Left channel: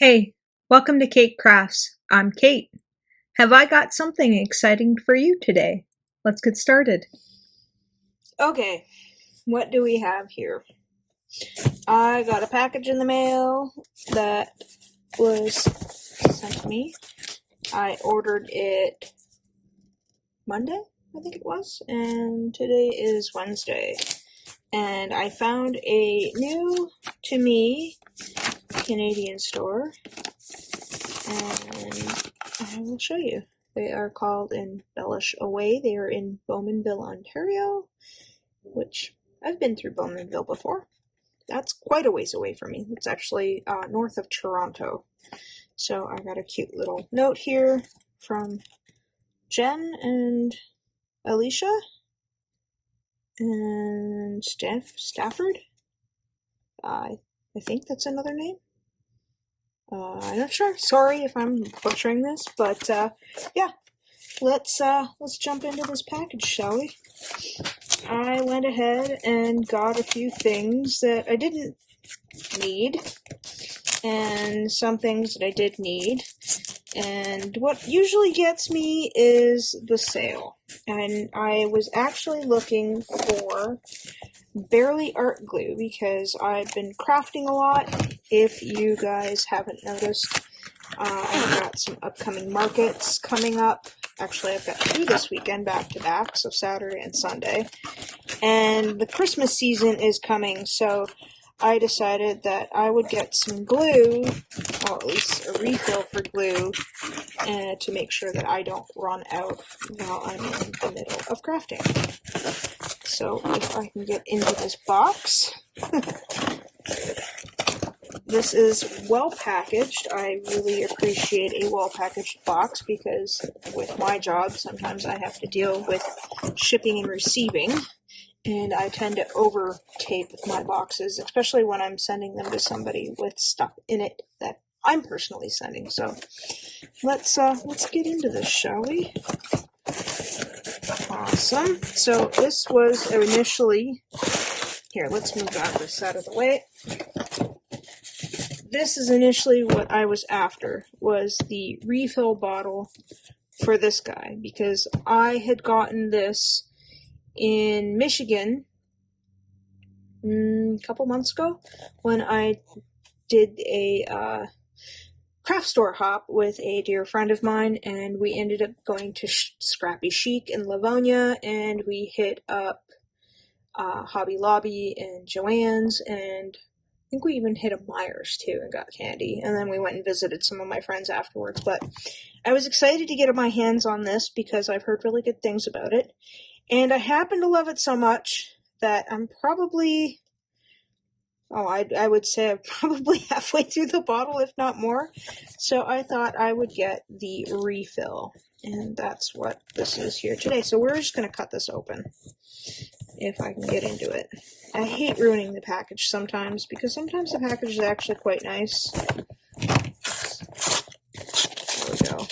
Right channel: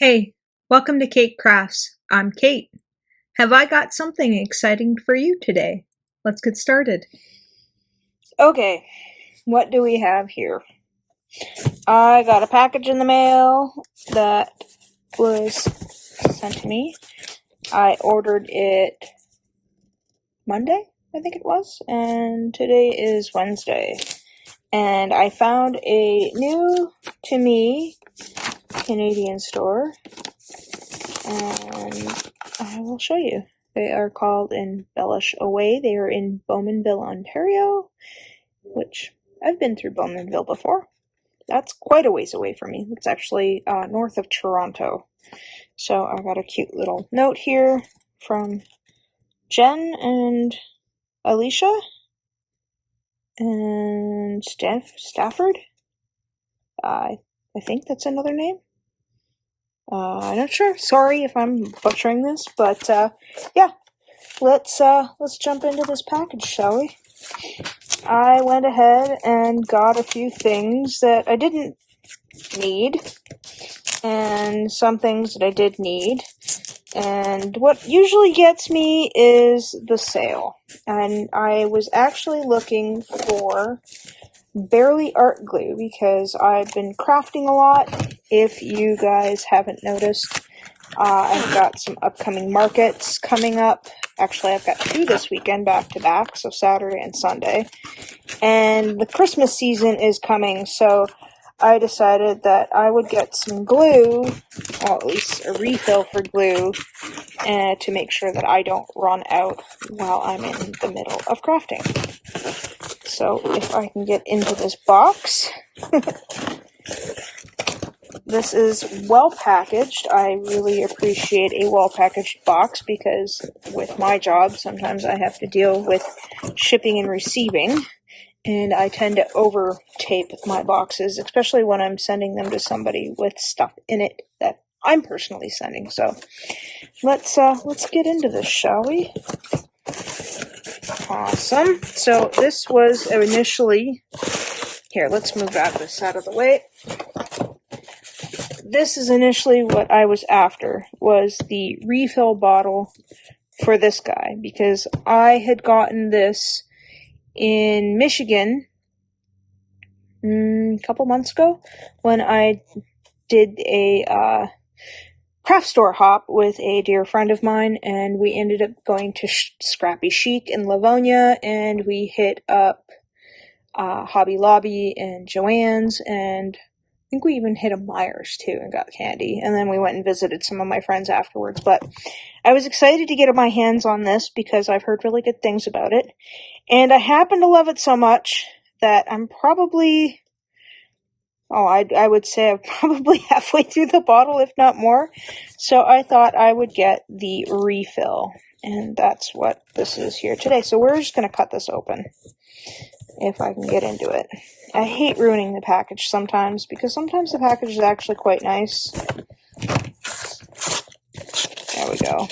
Hey, welcome to Kate Crafts. I'm Kate. Have I got something exciting for you today? Let's get started. Okay, what do we have here? I got a package in the mail that was sent to me. I ordered it Monday, I think it was, and today is Wednesday. And I found a new to me Canadian store, and I will show you. They are called Embellish Away. They are in Bowmanville, Ontario, which I've been through Bowmanville before. That's quite a ways away from me. It's actually north of Toronto. So I got a cute little note here from Jen and Alicia and Stafford. I think that's another name. I'm not sure. Sorry if I'm butchering this, but yeah. Let's jump into this package, shall we? I went ahead and got a few things that I didn't need, and some things that I did need. And what usually gets me is the sale. And I was actually looking for Barely Art Glue because I've been crafting a lot. If you guys haven't noticed, I've got some upcoming markets coming up. Actually, I've got 2 this weekend back to back, so Saturday and Sunday. And the Christmas season is coming, so I decided that I would get some glue, or at least a refill for glue, to make sure that I don't run out while I'm in the middle of crafting. So if I can get into this box. This is well packaged. I really appreciate a well packaged box because with my job, sometimes I have to deal with shipping and receiving, and I tend to over tape my boxes, especially when I'm sending them to somebody with stuff in it that I'm personally sending. So let's get into this, shall we? Awesome. So this was initially here. Let's move this out of the way. This is initially what I was after, was the refill bottle for this guy, because I had gotten this in Michigan a couple months ago when I did a craft store hop with a dear friend of mine, and we ended up going to Scrappy Chic in Livonia, and we hit up Hobby Lobby and Joann's, and I think we even hit a Myers too and got candy, and then we went and visited some of my friends afterwards. But I was excited to get my hands on this because I've heard really good things about it, and I happen to love it so much that I'm probably, I would say I'm probably halfway through the bottle, if not more. So I thought I would get the refill, and that's what this is here today. So we're just going to cut this open if I can get into it. I hate ruining the package sometimes, because sometimes the package is actually quite nice. There we go.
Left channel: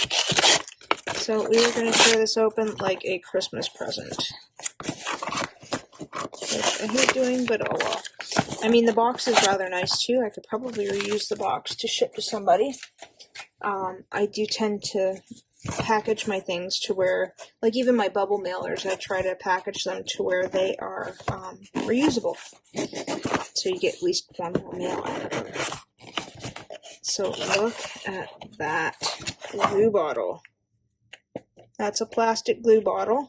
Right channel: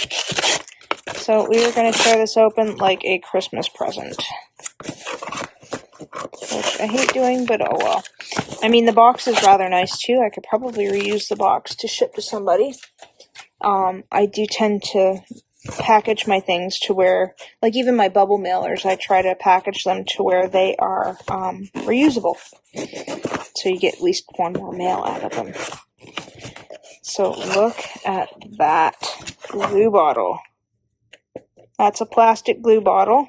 So we were going to tear this open like a Christmas present, which I hate doing, but oh well. I mean, the box is rather nice too. I could probably reuse the box to ship to somebody. I do tend to package my things to where, like even my bubble mailers, I try to package them to where they are reusable, so you get at least one more mail out of them. So look at that glue bottle. That's a plastic glue bottle,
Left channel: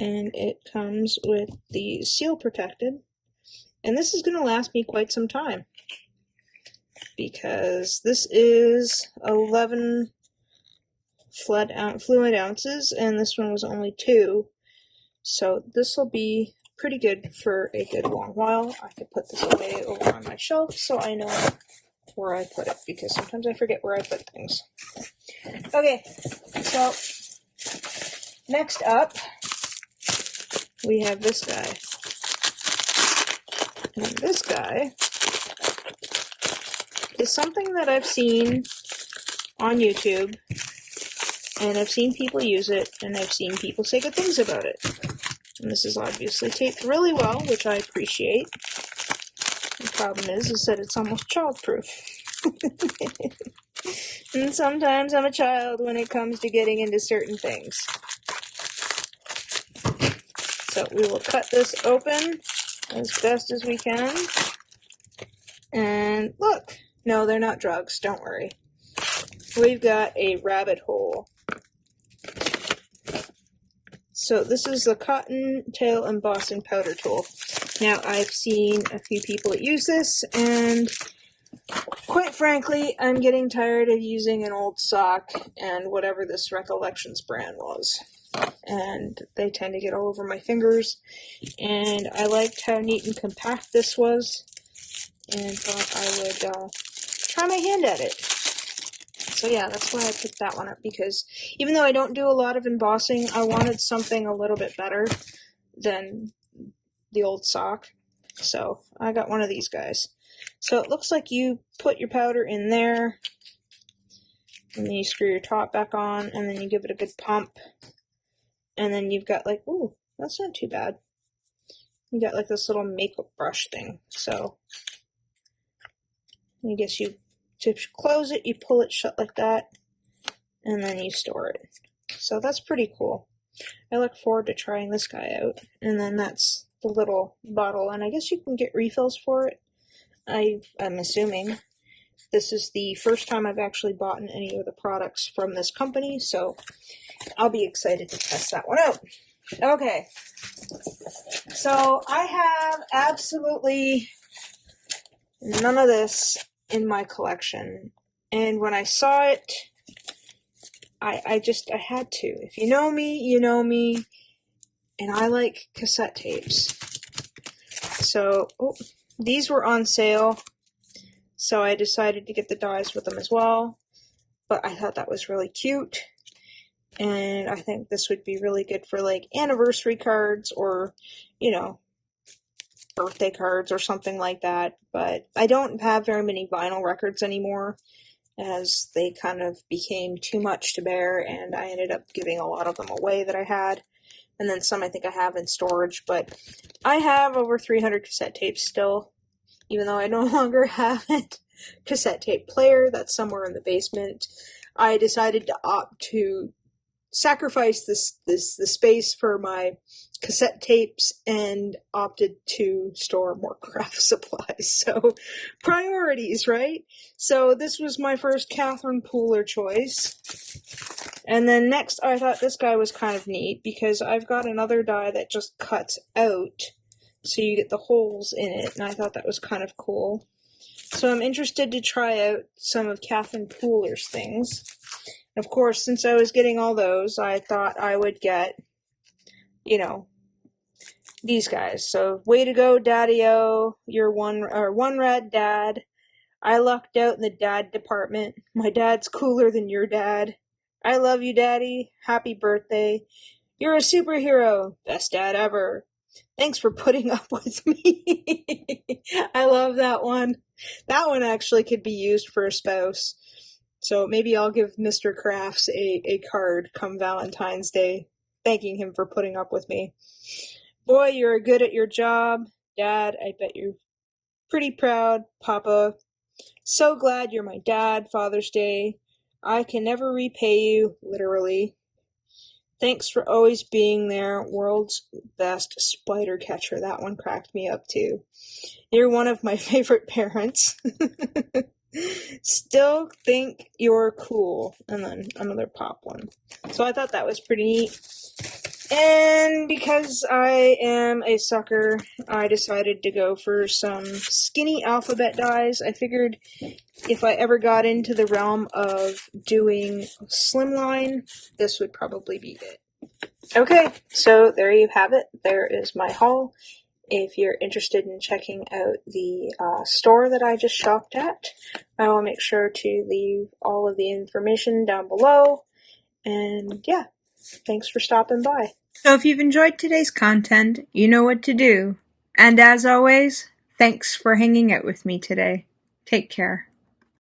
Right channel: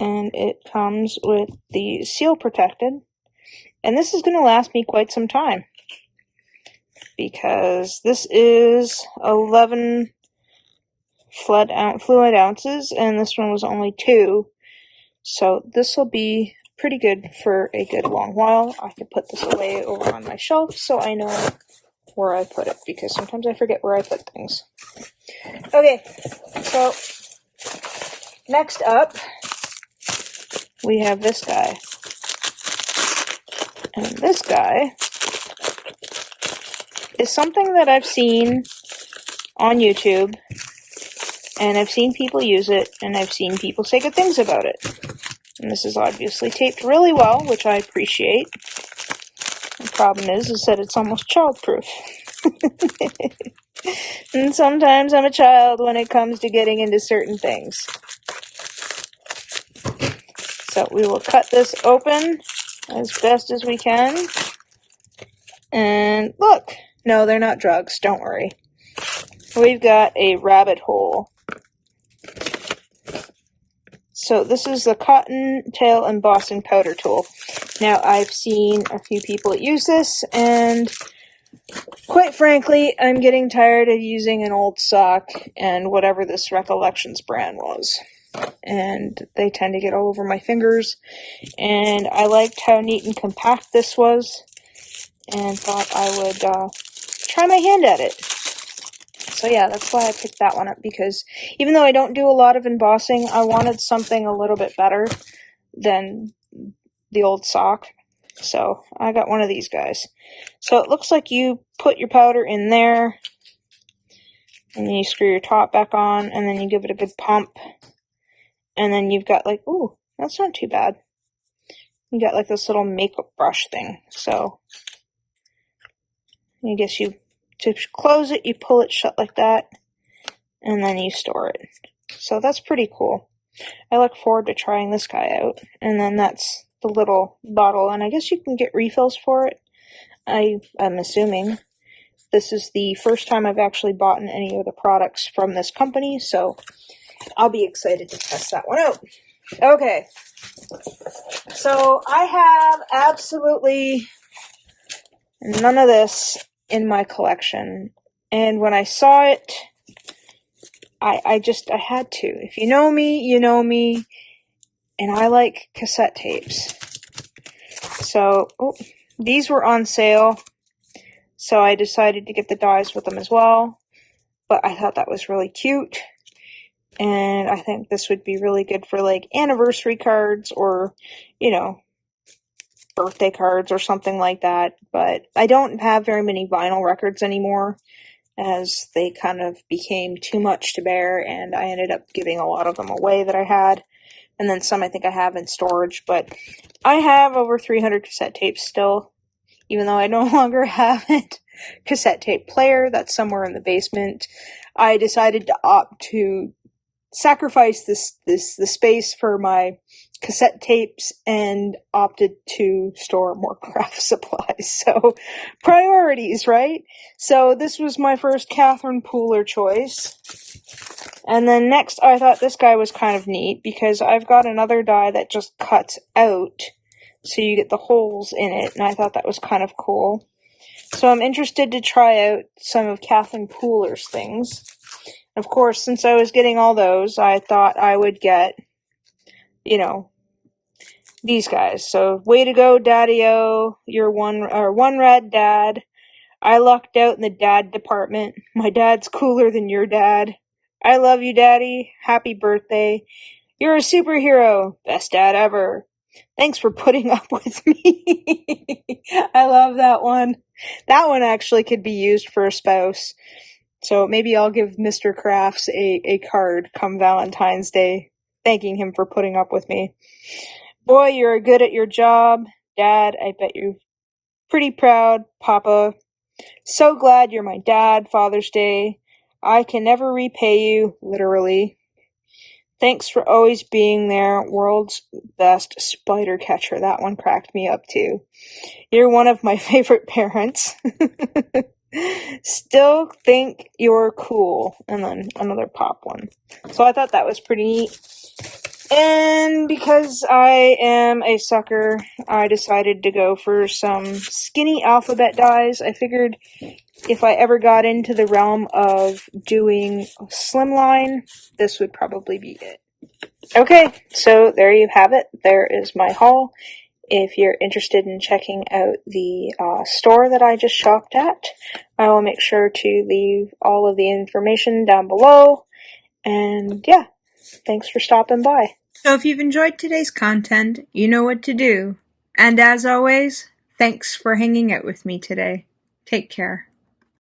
and it comes with the seal protected, and this is going to last me quite some time, because this is 11 fluid ounces, and this one was only 2, so this will be pretty good for a good long while. I can put this away over on my shelf so I know where I put it, because sometimes I forget where I put things. Okay, so next up we have this guy, and this guy is something that I've seen on YouTube, and I've seen people use it, and I've seen people say good things about it. And this is obviously taped really well, which I appreciate. The problem is that it's almost childproof. And sometimes I'm a child when it comes to getting into certain things. So we will cut this open as best as we can. And look! No, they're not drugs, don't worry. We've got a rabbit hole. So this is the Cottontail Embossing Powder Tool. Now, I've seen a few people use this, and quite frankly, I'm getting tired of using an old sock and whatever this Recollections brand was. And they tend to get all over my fingers, and I liked how neat and compact this was, and thought I would try my hand at it. So yeah, that's why I picked that one up, because even though I don't do a lot of embossing, I wanted something a little bit better than the old sock. So I got one of these guys. So it looks like you put your powder in there, and then you screw your top back on, and then you give it a good pump, and then you've got like, ooh, that's not too bad. You got like this little makeup brush thing. So I guess to close it, you pull it shut like that, and then you store it. So that's pretty cool. I look forward to trying this guy out. And then that's the little bottle, and I guess you can get refills for it. I'm assuming. This is the first time I've actually bought any of the products from this company, so I'll be excited to test that one out. Okay. So I have absolutely none of this in my collection, and when I saw it, I had to. If you know me, you know me, and I like cassette tapes. So, these were on sale, so I decided to get the dies with them as well, but I thought that was really cute, and I think this would be really good for, like, anniversary cards or, you know, birthday cards or something like that. But I don't have very many vinyl records anymore, as they kind of became too much to bear, and I ended up giving a lot of them away that I had, and then some I think I have in storage. But I have over 300 cassette tapes still, even though I no longer have a cassette tape player that's somewhere in the basement. I decided to opt to sacrifice the space for my cassette tapes and opted to store more craft supplies. So, priorities, right? So, this was my first Cathrine Pooler choice. And then next, I thought this guy was kind of neat, because I've got another die that just cuts out, so you get the holes in it, and I thought that was kind of cool. So I'm interested to try out some of Cathrine Pooler's things. Of course, since I was getting all those, I thought I would get, you know, these guys. So, way to go, Daddy-O. You're one Rad Dad. I lucked out in the dad department. My dad's cooler than your dad. I love you, Daddy. Happy birthday. You're a superhero. Best dad ever. Thanks for putting up with me. I love that one. That one actually could be used for a spouse. So maybe I'll give Mr. Crafts a card come Valentine's Day, thanking him for putting up with me. Boy, you're good at your job. Dad, I bet you're pretty proud. Papa, so glad you're my dad. Father's Day. I can never repay you, literally. Thanks for always being there. World's best spider catcher. That one cracked me up too. You're one of my favorite parents. Still think you're cool. And then another pop one. So I thought that was pretty neat. And because I am a sucker, I decided to go for some skinny alphabet dies. I figured if I ever got into the realm of doing slimline, this would probably be it. Okay, so there you have it. There is my haul. If you're interested in checking out the store that I just shopped at, I will make sure to leave all of the information down below. And yeah, thanks for stopping by. So if you've enjoyed today's content, you know what to do. And as always, thanks for hanging out with me today. Take care.